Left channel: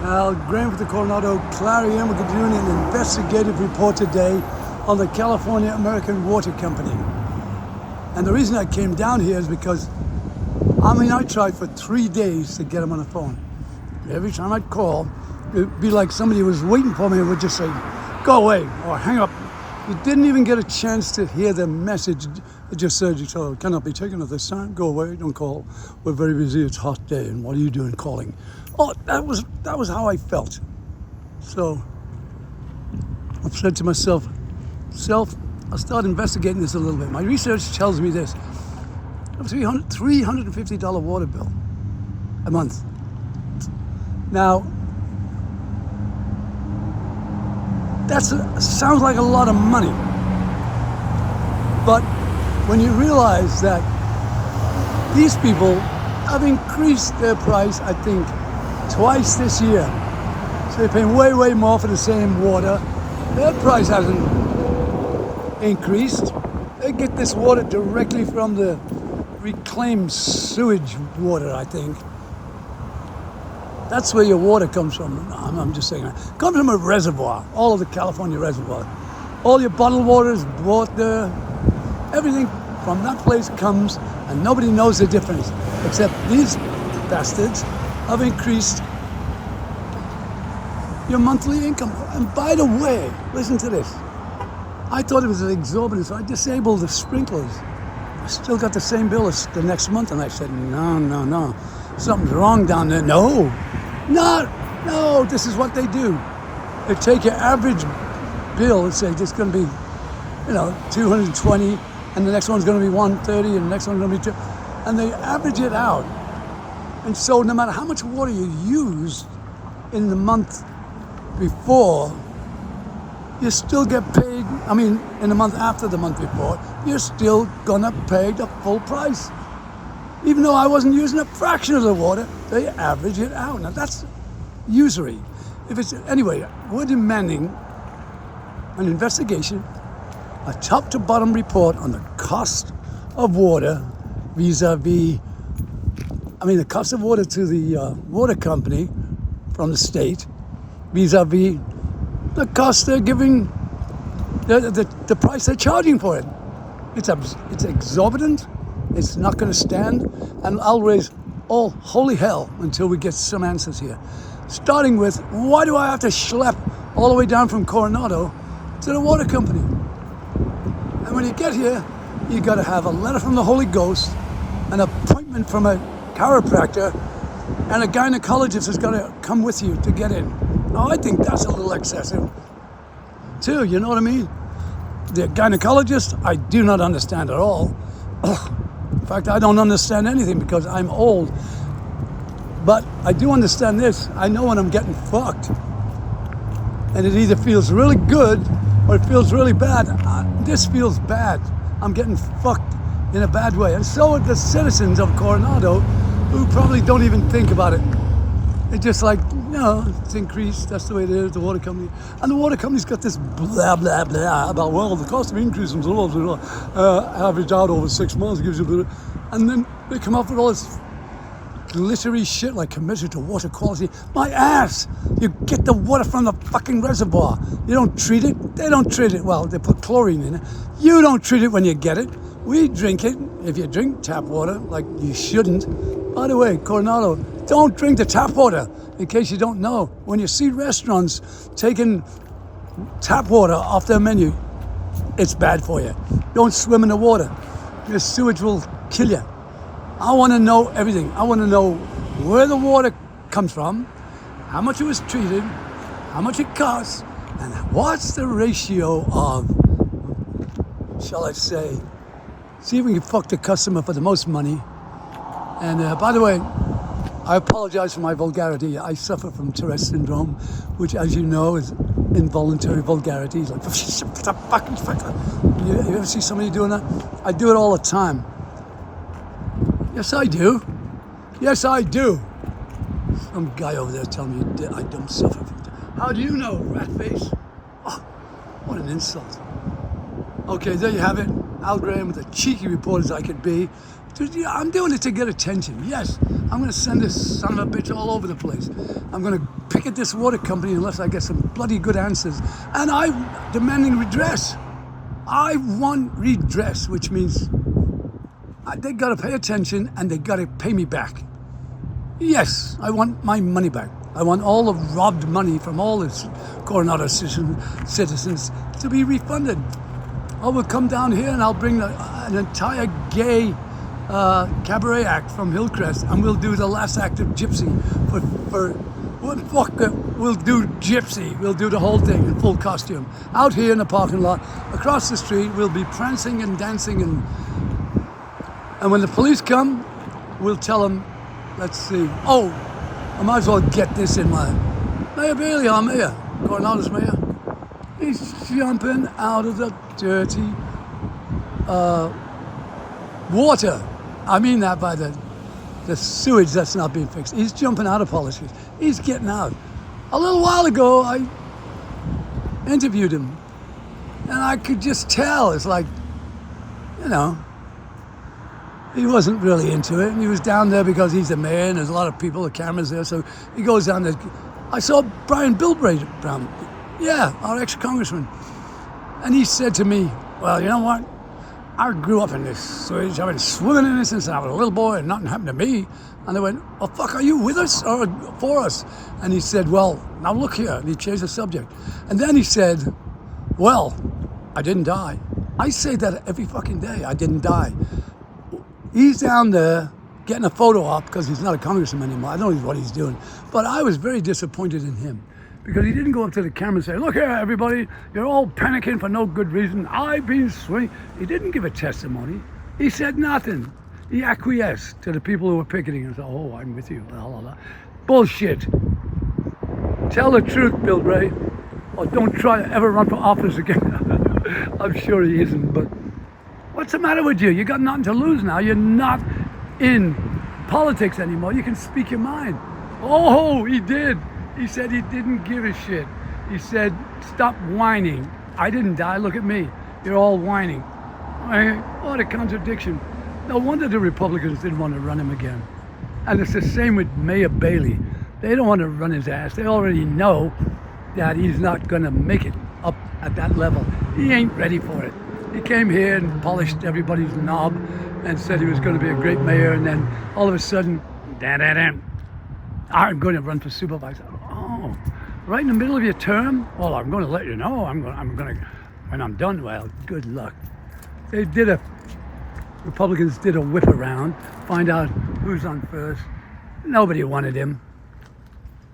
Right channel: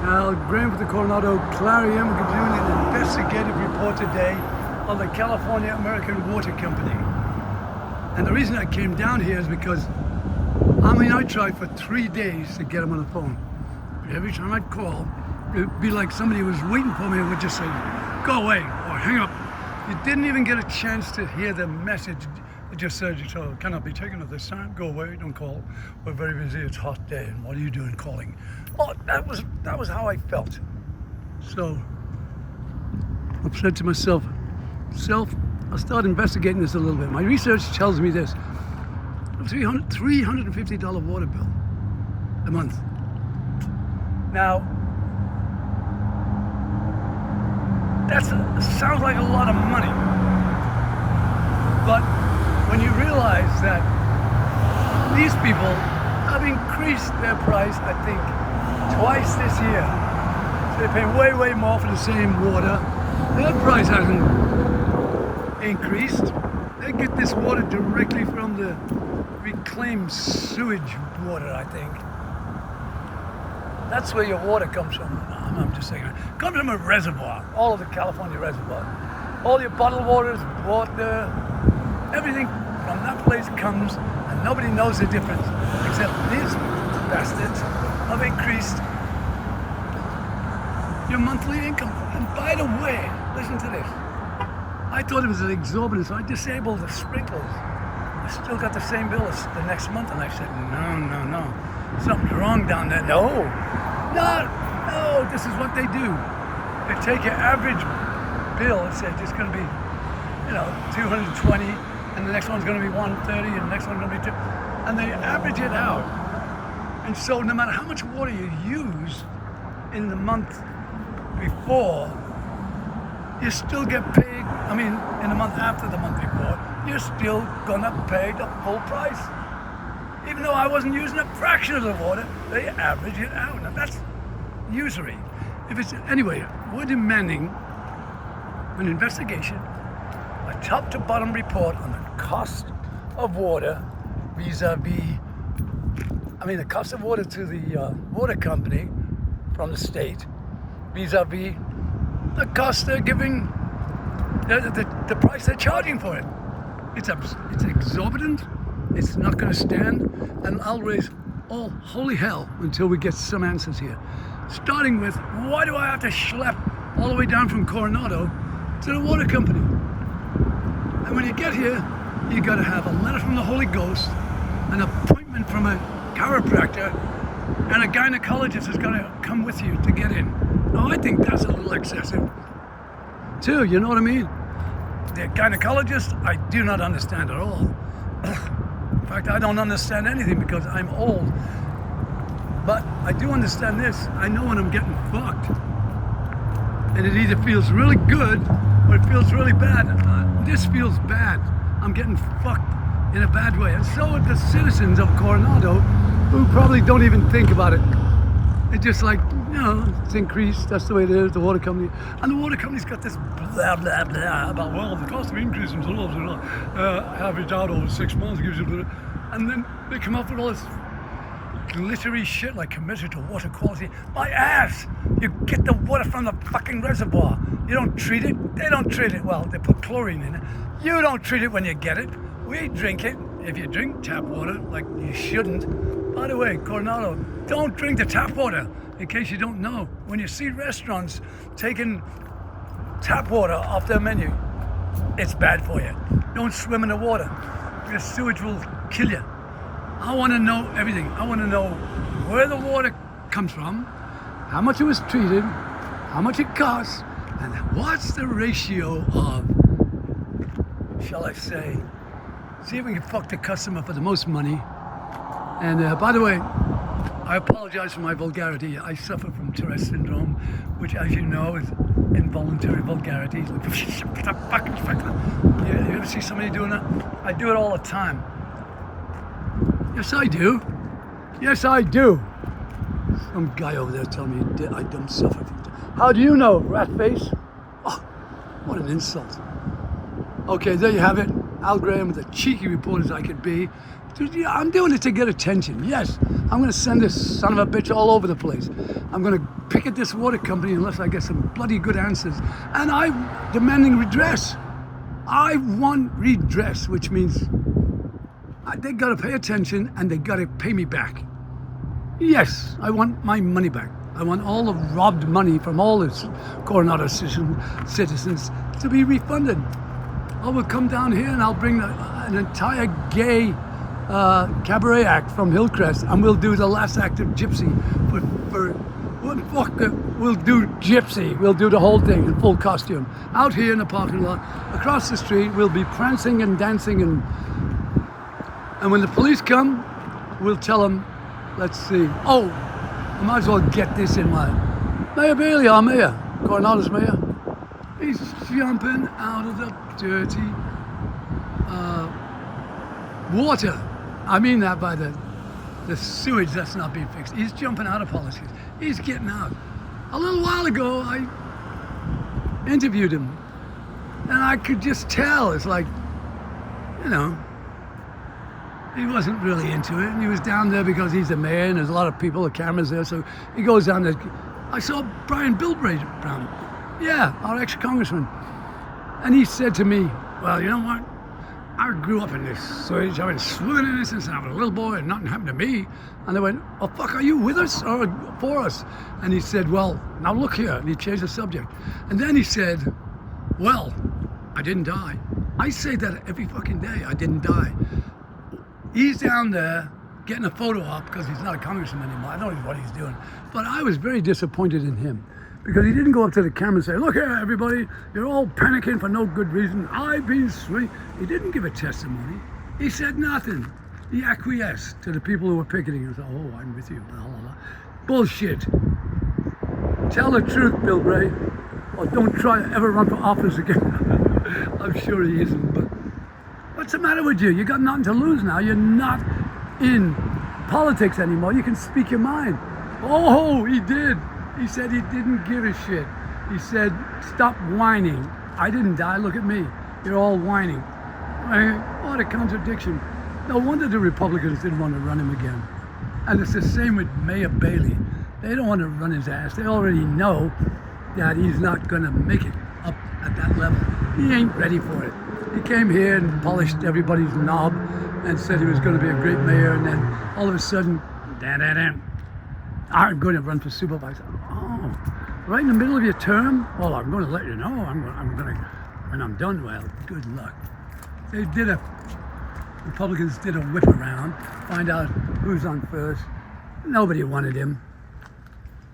Graham with the Coronado Clarion. We're doing an investigative report today on the California American Water Company. And the reason I came down here is because, I tried for 3 days to get him on the phone. Every time I'd call, it'd be like somebody was waiting for me and would just say, go away, or hang up. You didn't even get a chance to hear the message. It just said, you cannot be taken at this time. Go away, don't call. We're very busy, it's a hot day, and what are you doing calling? Oh, that was how I felt. So I've said to myself, I'll start investigating this a little bit. My research tells me this. A $350 water bill a month. Now, that sounds like a lot of money. But when you realize that these people have increased their price, I think, twice this year. So they're paying way, way more for the same water. Their price hasn't increased. They get this water directly from the reclaimed sewage water, I think. That's where your water comes from. I'm just saying that. It comes from a reservoir, all of the California reservoir. All your bottled water is bought there. Everything from that place comes, and nobody knows the difference, except these bastards have increased your monthly income. And by the way, listen to this. I thought it was an exorbitant, so I disabled the sprinklers. I still got the same bill as the next month, and I said, no. Something's wrong down there. No, this is what they do. They take your average bill and say, this is going to be, 220, and the next one's going to be 130, and the next one's going to be 2, and they average it out. And so no matter how much water you use in the month before, you still get paid, in the month after the month before, you're still gonna pay the full price. Even though I wasn't using a fraction of the water, they average it out. Now that's usury. Anyway, we're demanding an investigation, a top to bottom report on the cost of water vis-a-vis, the cost of water to the water company from the state vis-a-vis the cost they're giving, the price they're charging for it. It's exorbitant. It's not going to stand, and I'll raise all holy hell until we get some answers here. Starting with, why do I have to schlep all the way down from Coronado to the water company? And when you get here, you got to have a letter from the Holy Ghost, an appointment from a chiropractor, and a gynecologist is going to come with you to get in. Now, I think that's a little excessive, too, you know what I mean? The gynecologist, I do not understand at all. In fact, I don't understand anything because I'm old. But I do understand this. I know when I'm getting fucked. And it either feels really good or it feels really bad. This feels bad. I'm getting fucked in a bad way. And so are the citizens of Coronado, who probably don't even think about it. It's just like, it's increased, that's the way it is, the water company. And the water company's got this blah, blah, blah about, well, the cost of increase in average out over 6 months gives you a bit of, and then they come up with all this glittery shit like committed to water quality. My ass! You get the water from the fucking reservoir. You don't treat it, they don't treat it. Well, they put chlorine in it. You don't treat it when you get it. We drink it. If you drink tap water, like you shouldn't. By the way, Coronado, don't drink the tap water, in case you don't know. When you see restaurants taking tap water off their menu, it's bad for you. Don't swim in the water. Your sewage will kill you. I want to know everything. I want to know where the water comes from, how much it was treated, how much it costs, and what's the ratio of, shall I say, see if we can fuck the customer for the most money. And by the way, I apologize for my vulgarity. I suffer from Tourette's syndrome, which, as you know, is involuntary vulgarity. Like, you ever see somebody doing that? I do it all the time. Yes, I do. Yes, I do. Some guy over there telling me I don't suffer from that. How do you know, rat face? Oh, what an insult. Okay, there you have it. Al Graham with a cheeky report as I could be. Yeah, I'm doing it to get attention. Yes, I'm going to send this son of a bitch all over the place. I'm going to picket this water company unless I get some bloody good answers. And I'm demanding redress. I want redress, which means they got to pay attention and they got to pay me back. Yes, I want my money back. I want all the robbed money from all the Coronado citizens to be refunded. I will come down here and I'll bring an entire gay cabaret act from Hillcrest, and we'll do the last act of Gypsy. We'll do Gypsy. We'll do the whole thing in full costume. Out here in the parking lot, across the street, we'll be prancing and dancing, and when the police come, we'll tell them, let's see. Oh, I might as well get this in my Mayor Bailey, our mayor, Coronado's mayor. He's jumping out of the dirty water. I mean that by the sewage that's not being fixed. He's jumping out of politics. He's getting out. A little while ago, I interviewed him, and I could just tell. It's like, you know, he wasn't really into it. And he was down there because he's the mayor, and there's a lot of people, the cameras there, so he goes down there. I saw Brian Bilbray Brown, yeah, our ex-congressman, and he said to me, well, you know what? I grew up in this sewage. I've been swimming in it since I was a little boy, and nothing happened to me. And they went, oh, fuck, are you with us or for us? And he said, well, now look here. And he changed the subject. And then he said, well, I didn't die. I say that every fucking day. I didn't die. He's down there getting a photo op because he's not a congressman anymore. I don't know what he's doing. But I was very disappointed in him, because he didn't go up to the camera and say, look here, everybody, you're all panicking for no good reason. I've been swinging. He didn't give a testimony. He said nothing. He acquiesced to the people who were picketing and said, oh, I'm with you, blah, blah, blah. Bullshit. Tell the truth, Bill Bray, or don't try to ever run for office again. I'm sure he isn't, but what's the matter with you? You got nothing to lose now. You're not in politics anymore. You can speak your mind. Oh, he did. He said he didn't give a shit. He said, stop whining. I didn't die, look at me. You're all whining. What a contradiction. No wonder the Republicans didn't want to run him again. And it's the same with Mayor Bailey. They don't want to run his ass. They already know that he's not going to make it up at that level. He ain't ready for it. He came here and polished everybody's knob and said he was going to be a great mayor, and then all of a sudden, I'm going to run for supervisor. Oh, right in the middle of your term? Well, I'm going to let you know. I'm going to, when I'm done, well, good luck. Republicans did a whip around, find out who's on first. Nobody wanted him.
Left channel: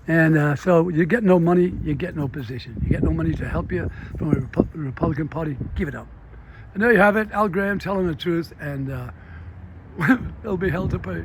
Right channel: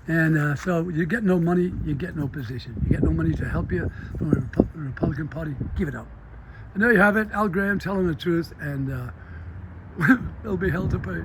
And so you get no money, you get no position. You get no money to help you from a Republican Party, give it up. And there you have it, Al Graham telling the truth, and it'll be hell to pay.